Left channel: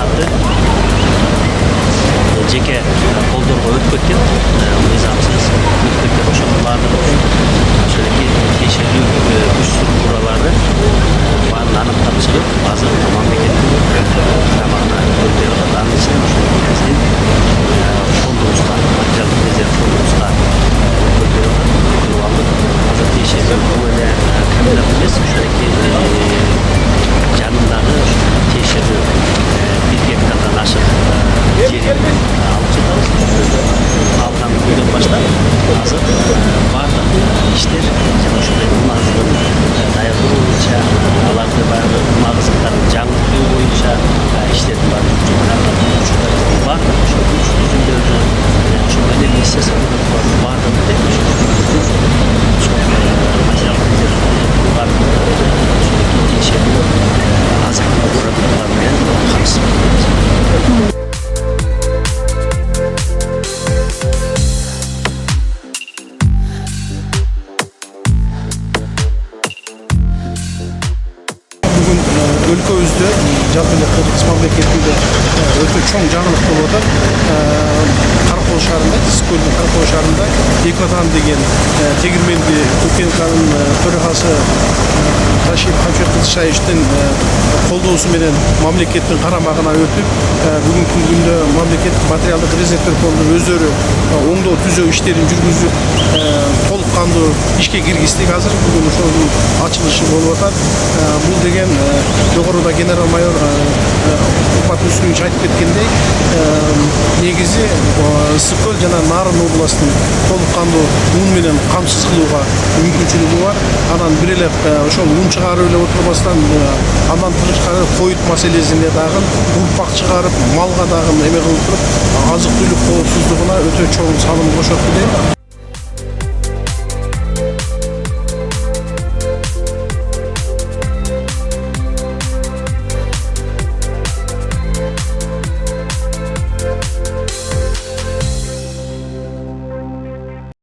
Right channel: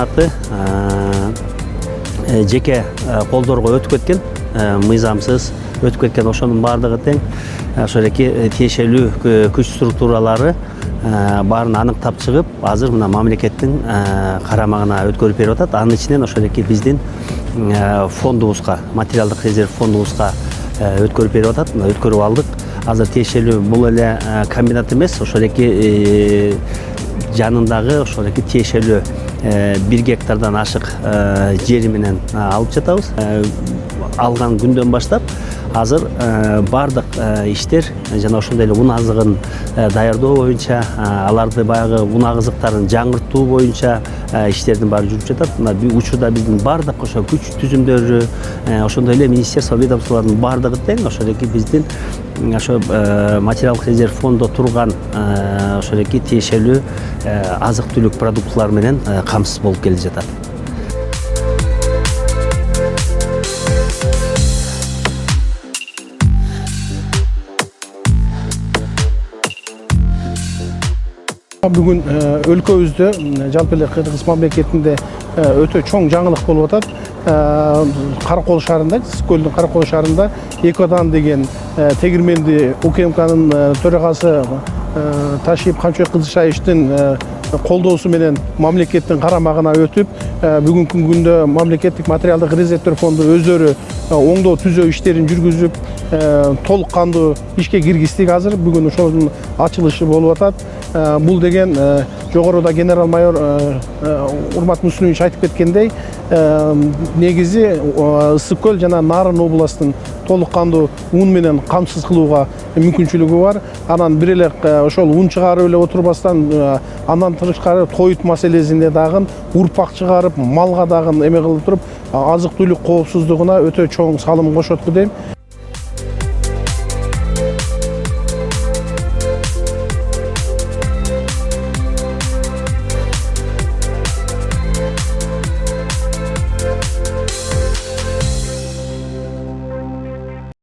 чемпионаты жеке колдорго өтүп кеткен, мыйзамсыз өтүп кеткен. Ошонун баардыгын ошондой тиешелүү күч структуралары баарын аныктап чыгып, азыр мына мамлекеттин карамагына өткөрүп берип атат. Анын ичинен ошондой биздин фондубузга, материалдык резерв фондубузга өткөрүп берип атат. Өткөрүп алдык. Азыр тиешелүү бул эле комбинат эмес, ошондой жанындагы ошондой тиешелүү 1 гектардан ашык жери менен алып жатабыз. Алган күндөн баштап азыр бардык иштер жана ошондой үн азыгын даярдоо боюнча, аларды баягы үн азыктарын жаңыртуу боюнча иштердин баары жүрүп жатат. Мына бул учурда биздин бардык ошо күч түзүмдөрү, ошондой эле министерство ведомстволордун бардыгы тең ошондой биздин ошо материалдык резерв фонддо турган ошондой тиешелүү азык-түлүк продуктылар менен камсыз болуп келе жатат. Бүгүн өлкөбүздө жалпы эле Кыргыз мамлекетинде өтө чоң жаңылык болуп атат. Каракол шаарында, Сыскөлдүн Каракол шаарында Экодан деген тегирменди Кукенканын төрагасы Ташип Хамшекылышаевичтин колдоосу менен мамлекеттин карамагына өтүп, бүгүнкү күндө мамлекет материалдык резервдер фонду өздөрү оңдоо түзөө иштерин жүргүзүп, толук кандуу ишке киргиздик. Азыр бүгүн ошонун ачылышы болуп атат. Бул деген жогоруда генерал-майор Курмат Мүсүлүевич айтып кеткендей, негизи Ысык-Көл жана Нарын областын толук кандуу ун менен камсыз кылууга мүмкүнчүлүгү бар. Анан бир эле ошол ун чыгарып эле отурбастан, андан тышкары коют маселесине дагы урпак чыгарып, малга дагы эме кылып туруп, азык-түлүк коопсуздугуна өтө чоң салым кошот деп